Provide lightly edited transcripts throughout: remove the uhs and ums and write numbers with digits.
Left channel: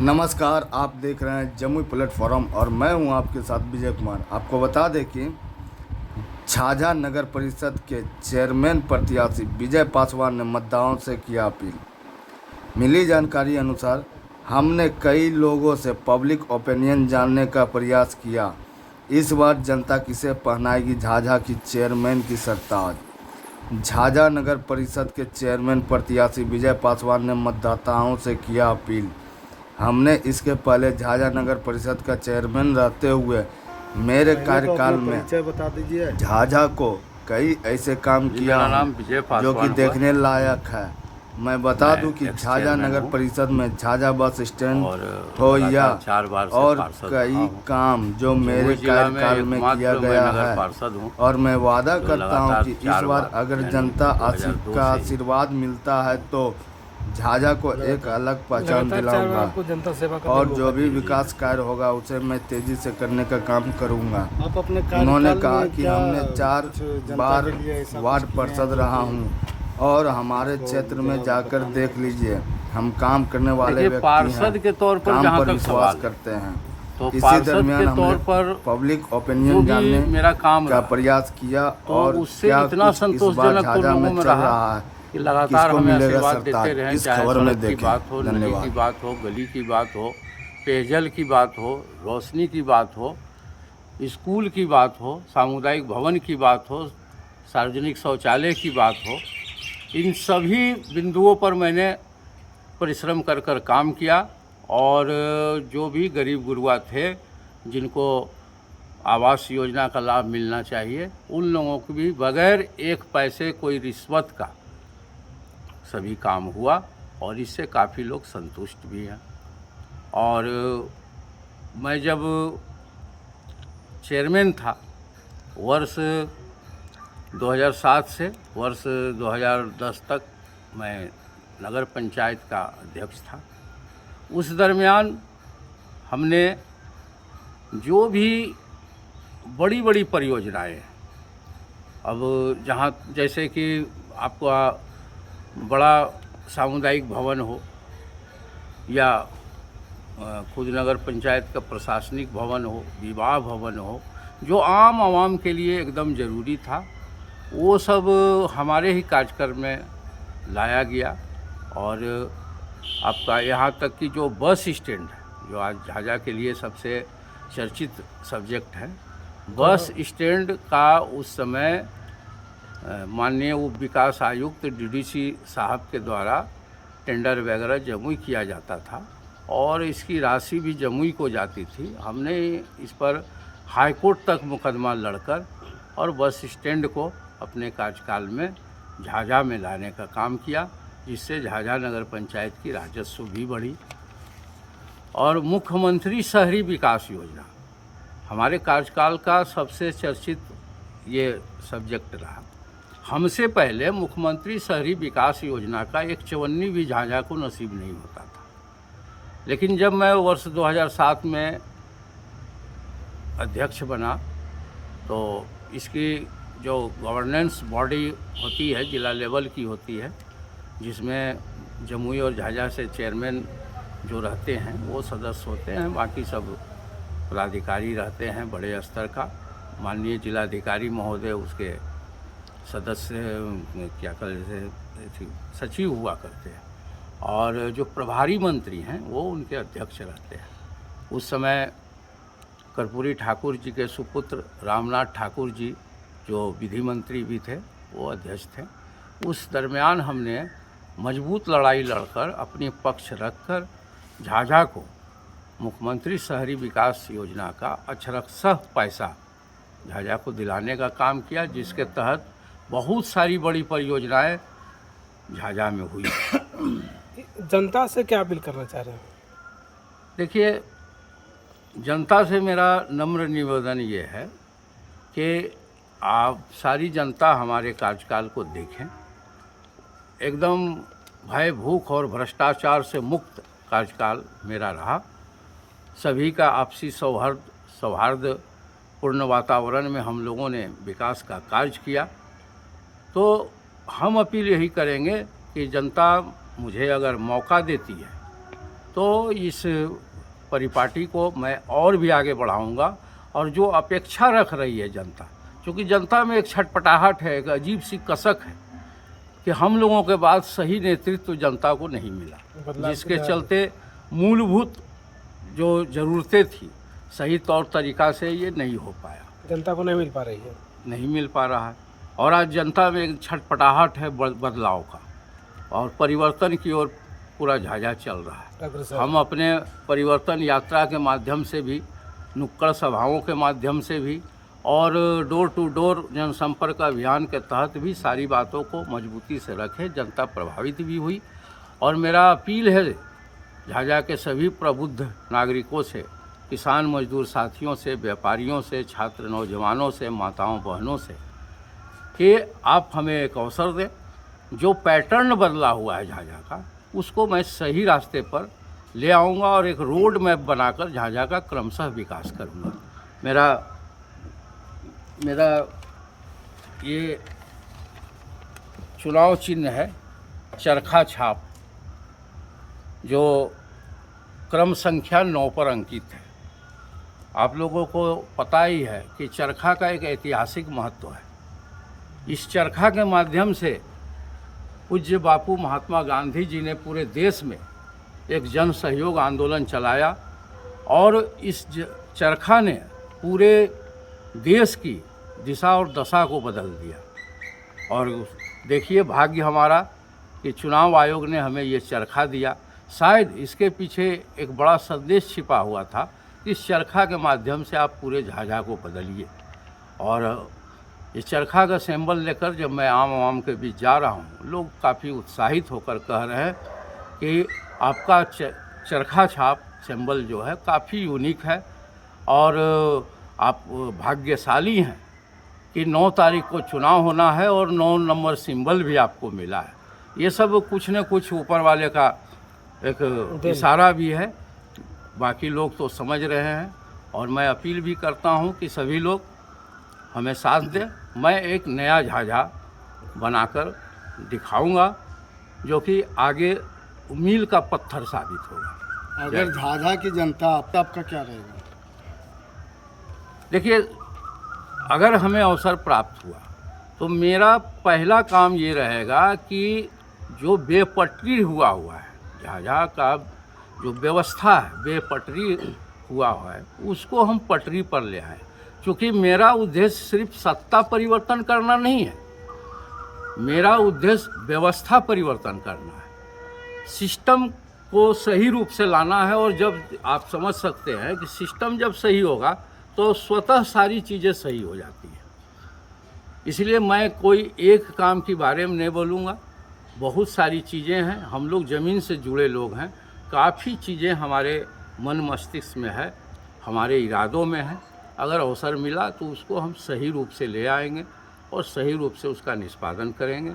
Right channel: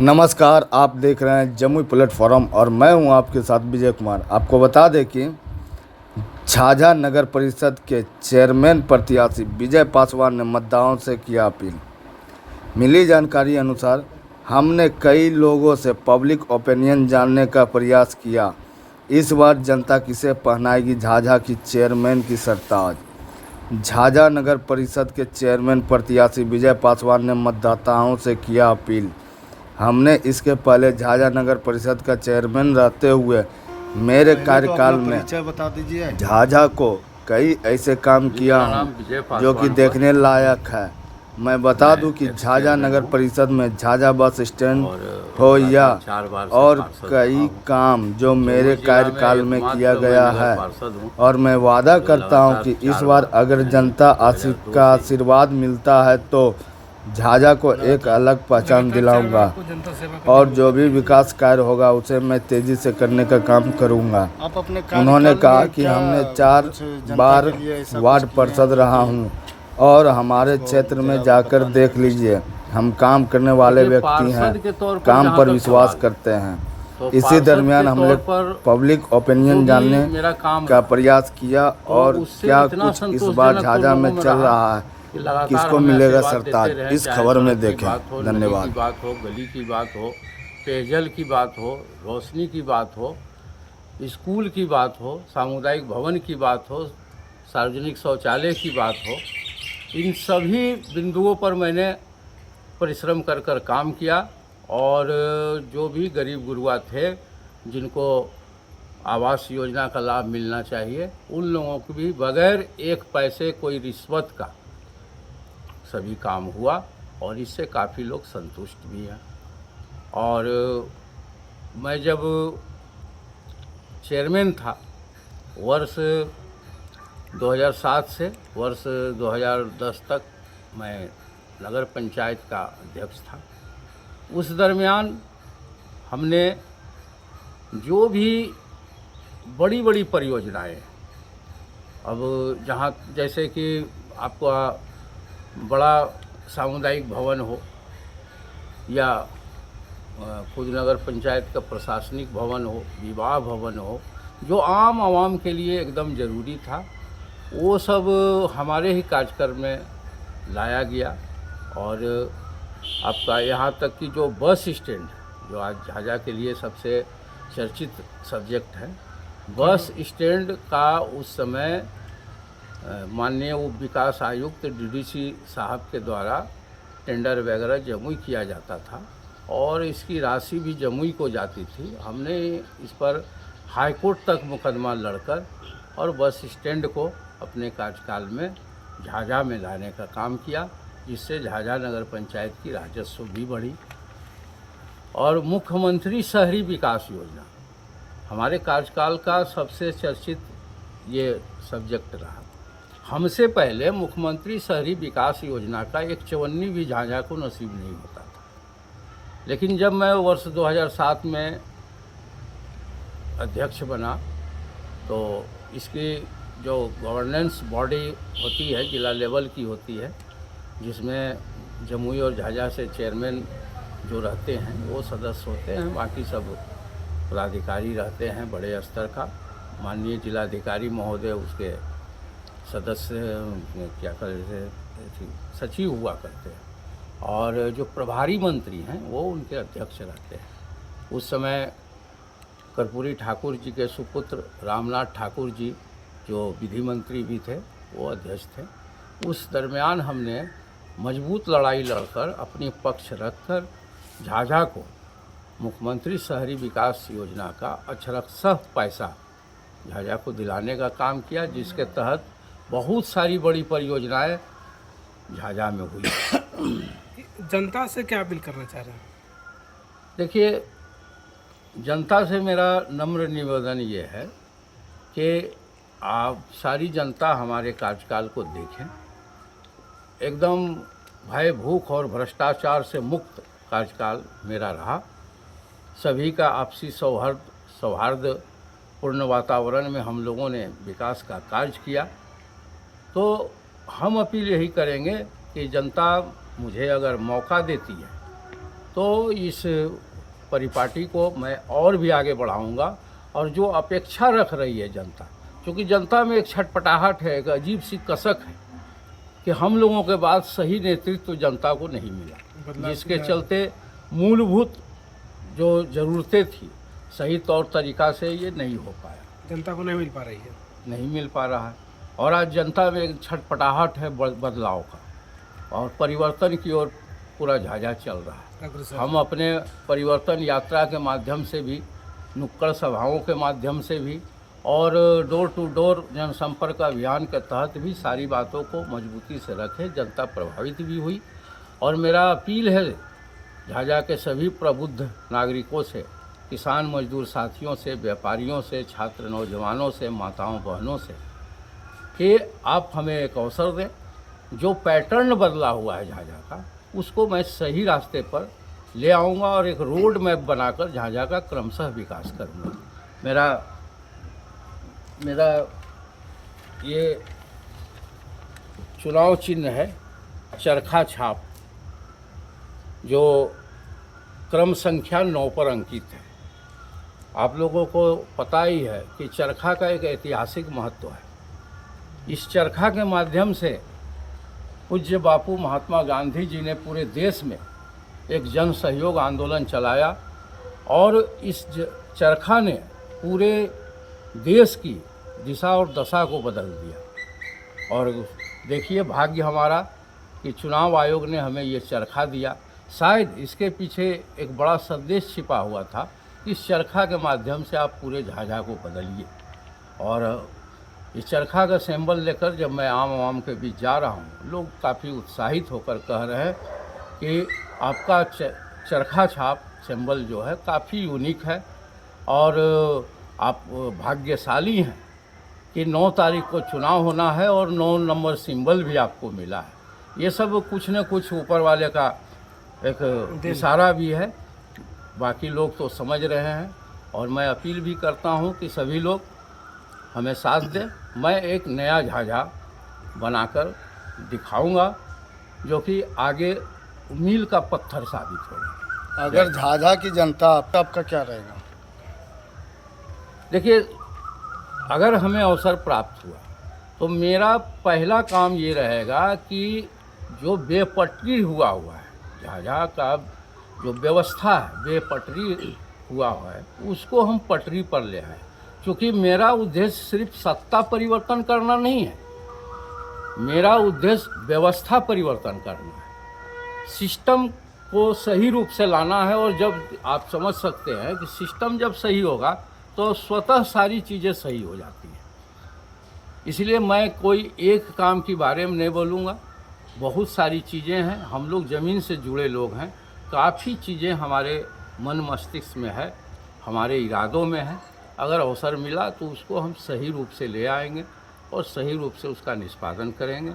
नमस्कार, आप देख रहे हैं जमुई प्लेटफॉर्म और मैं हूं आपके साथ विजय कुमार। आपको बता दें कि झाझा नगर परिषद के चेयरमैन प्रत्याशी विजय पासवान ने मतदाताओं से किया अपील। मिली जानकारी अनुसार हमने कई लोगों से पब्लिक ओपिनियन जानने का प्रयास किया। इस बार जनता किसे पहनाएगी झाझा की चेयरमैन की सरताज। झाझा नगर परिषद के चेयरमैन प्रत्याशी विजय पासवान ने मतदाताओं से किया अपील। हमने इसके पहले झाझा नगर परिषद का चेयरमैन रहते हुए मेरे कार्यकाल में बता दीजिए। झाझा को कई ऐसे काम किया हूँ जो कि देखने लायक है। मैं बता दूं कि झाझा नगर परिषद में झाझा बस स्टैंड हो या और कई काम जो मेरे कार्यकाल में किया गया है, और मैं वादा करता हूं कि इस बार अगर जनता का आशीर्वाद मिलता है तो झाझा को एक अलग पहचान दिलाऊंगा और जो भी विकास कार्य होगा उसे मैं तेजी से करने का काम करूंगा। उन्होंने कहा कि हमने 4 बार वार्ड पार्षद रहा हूं और हमारे क्षेत्र में जाकर देख लीजिए, हम काम करने वाले व्यक्ति हैं, काम पर विश्वास करते हैं। इसी दरमियान हमने पब्लिक ओपिनियन जानने का प्रयास किया और क्या कुछ इस बार झाझा में चल रहा है, किसको मिलेगा सरताज, इस खबर में देखें। धन्यवाद। की बात हो, गली की बात हो, पेयजल की बात हो, रोशनी की बात हो, स्कूल की बात हो, सामुदायिक भवन की बात हो, सार्वजनिक शौचालय की बात हो, इन सभी बिंदुओं पर मैंने परिश्रम कर कर काम किया और जो भी गरीब गुरबा थे जिनको आवास योजना का लाभ मिलना चाहिए उन लोगों को भी बगैर एक पैसे कोई रिश्वत का सभी काम हुआ और इससे काफ़ी लोग संतुष्ट भी हैं। और मैं जब चेयरमैन था वर्ष 2007 से वर्ष 2010 तक मैं नगर पंचायत का अध्यक्ष था। उस दरमियान हमने जो भी बड़ी बड़ी परियोजनाएं, अब जहाँ जैसे कि आपका बड़ा सामुदायिक भवन हो या खुद नगर पंचायत का प्रशासनिक भवन हो, विवाह भवन हो, जो आम आवाम के लिए एकदम ज़रूरी था, वो सब हमारे ही कार्यक्रम में लाया गया। और आपका यहाँ तक कि जो बस स्टैंड है जो आज झाझा के लिए सबसे चर्चित सब्जेक्ट है, बस स्टैंड का उस समय माननीय उप विकास आयुक्त डीडीसी साहब के द्वारा टेंडर वगैरह जमुई किया जाता था और इसकी राशि भी जमुई को जाती थी। हमने इस पर हाई कोर्ट तक मुकदमा लड़कर और बस स्टैंड को अपने कार्यकाल में झाझा में लाने का काम किया, जिससे झाझा नगर पंचायत की राजस्व भी बढ़ी। और मुख्यमंत्री शहरी विकास योजना हमारे कार्यकाल का सबसे चर्चित ये सब्जेक्ट रहा। हमसे पहले मुख्यमंत्री शहरी विकास योजना का एक चवन्नी भी झाझा को नसीब नहीं होता था, लेकिन जब मैं वर्ष 2007 में अध्यक्ष बना तो इसकी जो गवर्नेंस बॉडी होती है जिला लेवल की होती है, जिसमें जमुई और झाझा से चेयरमैन जो रहते हैं वो सदस्य होते हैं, बाकी सब पदाधिकारी रहते हैं बड़े स्तर का। माननीय जिलाधिकारी महोदय उसके सदस्य क्या कहते सचिव हुआ करते हैं और जो प्रभारी मंत्री हैं वो उनके अध्यक्ष रहते हैं। उस समय कर्पूरी ठाकुर जी के सुपुत्र रामनाथ ठाकुर जी जो विधि मंत्री भी थे वो अध्यक्ष थे। उस दरमियान हमने मजबूत लड़ाई लड़कर अपनी पक्ष रखकर झाझा को मुख्यमंत्री शहरी विकास योजना का अक्षरशः पैसा झाझा को दिलाने का काम किया, जिसके तहत बहुत सारी बड़ी परियोजनाएं झाझा में हुई। जनता से क्या अपील करना चाह रहे हैं? देखिए, जनता से मेरा नम्र निवेदन ये है कि आप सारी जनता हमारे कार्यकाल को देखें। एकदम भय भूख और भ्रष्टाचार से मुक्त कार्यकाल मेरा रहा। सभी का आपसी सौहार्दपूर्ण वातावरण में हम लोगों ने विकास का कार्य किया। तो हम अपील यही करेंगे कि जनता मुझे अगर मौका देती है तो इस परिपाटी को मैं और भी आगे बढ़ाऊंगा। और जो अपेक्षा रख रही है जनता, क्योंकि जनता में एक छटपटाहट है, एक अजीब सी कसक है कि हम लोगों के बाद सही नेतृत्व जनता को नहीं मिला, जिसके चलते मूलभूत जो ज़रूरतें थी सही तौर तरीक़ा से ये नहीं हो पाया, जनता को नहीं मिल पा रही है, नहीं मिल पा रहा है। और आज जनता में एक छटपटाहट है बदलाव का, और परिवर्तन की ओर पूरा झाझा चल रहा है। हम अपने परिवर्तन यात्रा के माध्यम से भी, नुक्कड़ सभाओं के माध्यम से भी और डोर टू डोर जनसंपर्क अभियान के तहत भी सारी बातों को मजबूती से रखे। जनता प्रभावित भी हुई। और मेरा अपील है झाझा के सभी प्रबुद्ध नागरिकों से, किसान मजदूर साथियों से, व्यापारियों से, छात्र नौजवानों से, माताओं बहनों से कि आप हमें एक अवसर दें। जो पैटर्न बदला हुआ है झाझा का, उसको मैं सही रास्ते पर ले आऊँगा और एक रोड मैप बनाकर झाझा का क्रमशः विकास करूँगा। मेरा ये चुनाव चिन्ह है चरखा छाप, जो क्रम संख्या 9 पर अंकित है। आप लोगों को पता ही है कि चरखा का एक ऐतिहासिक महत्व है। इस चरखा के माध्यम से पूज्य बापू महात्मा गांधी जी ने पूरे देश में एक जन सहयोग आंदोलन चलाया, और इस चरखा ने पूरे देश की दिशा और दशा को बदल दिया। और देखिए, भाग्य हमारा कि चुनाव आयोग ने हमें ये चरखा दिया। शायद इसके पीछे एक बड़ा संदेश छिपा हुआ था। इस चरखा के माध्यम से आप पूरे झाझा को बदलिए। और इस चरखा का सिंबल लेकर जब मैं आम के बीच जा रहा हूँ, लोग काफ़ी उत्साहित होकर कह रहे हैं कि आपका चरखा छाप सिंबल जो है काफ़ी यूनिक है, और आप भाग्यशाली हैं कि 9 तारीख को चुनाव होना है और 9 नंबर सिंबल भी आपको मिला है। ये सब कुछ न कुछ ऊपर वाले का एक इशारा भी है। बाकी लोग तो समझ रहे हैं, और मैं अपील भी करता हूं कि सभी लोग हमें साथ दें। मैं एक नया झाझा बनाकर दिखाऊंगा, जो कि आगे मील का पत्थर साबित होगा। अगर झाझा की जनता आपका क्या रहेगा? देखिए, अगर हमें अवसर प्राप्त हुआ तो मेरा पहला काम ये रहेगा कि जो बेपटरी हुआ है झाझा का, जो व्यवस्था है बेपटरी हुआ है, उसको हम पटरी पर ले आए। क्योंकि मेरा उद्देश्य सिर्फ सत्ता परिवर्तन करना नहीं है, मेरा उद्देश्य व्यवस्था परिवर्तन करना है, सिस्टम को सही रूप से लाना है। और जब आप समझ सकते हैं कि सिस्टम जब सही होगा तो स्वतः सारी चीज़ें सही हो जाती हैं। इसलिए मैं कोई एक काम के बारे में नहीं बोलूँगा, बहुत सारी चीज़ें हैं। हम लोग ज़मीन से जुड़े लोग हैं, काफ़ी चीज़ें हमारे मन मस्तिष्क में है, हमारे इरादों में है। अगर अवसर मिला तो उसको हम सही रूप से ले आएंगे और सही रूप से उसका निष्पादन करेंगे।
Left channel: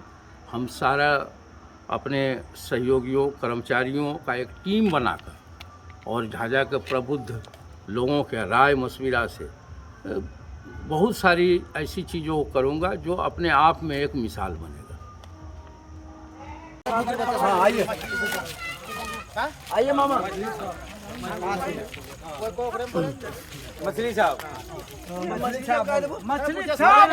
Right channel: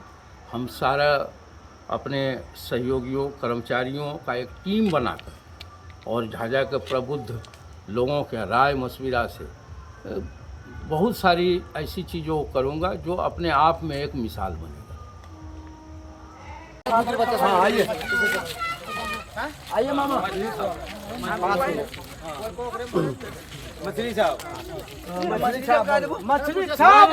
हम सारा अपने सहयोगियों, कर्मचारियों का एक टीम बनाकर और झाझा के प्रबुद्ध लोगों के राय मशविरा से बहुत सारी ऐसी चीज़ों को करूँगा जो अपने आप में एक मिसाल बनेगा। हाँ, आइए आइए मामा। मछली साहब, मछली साहब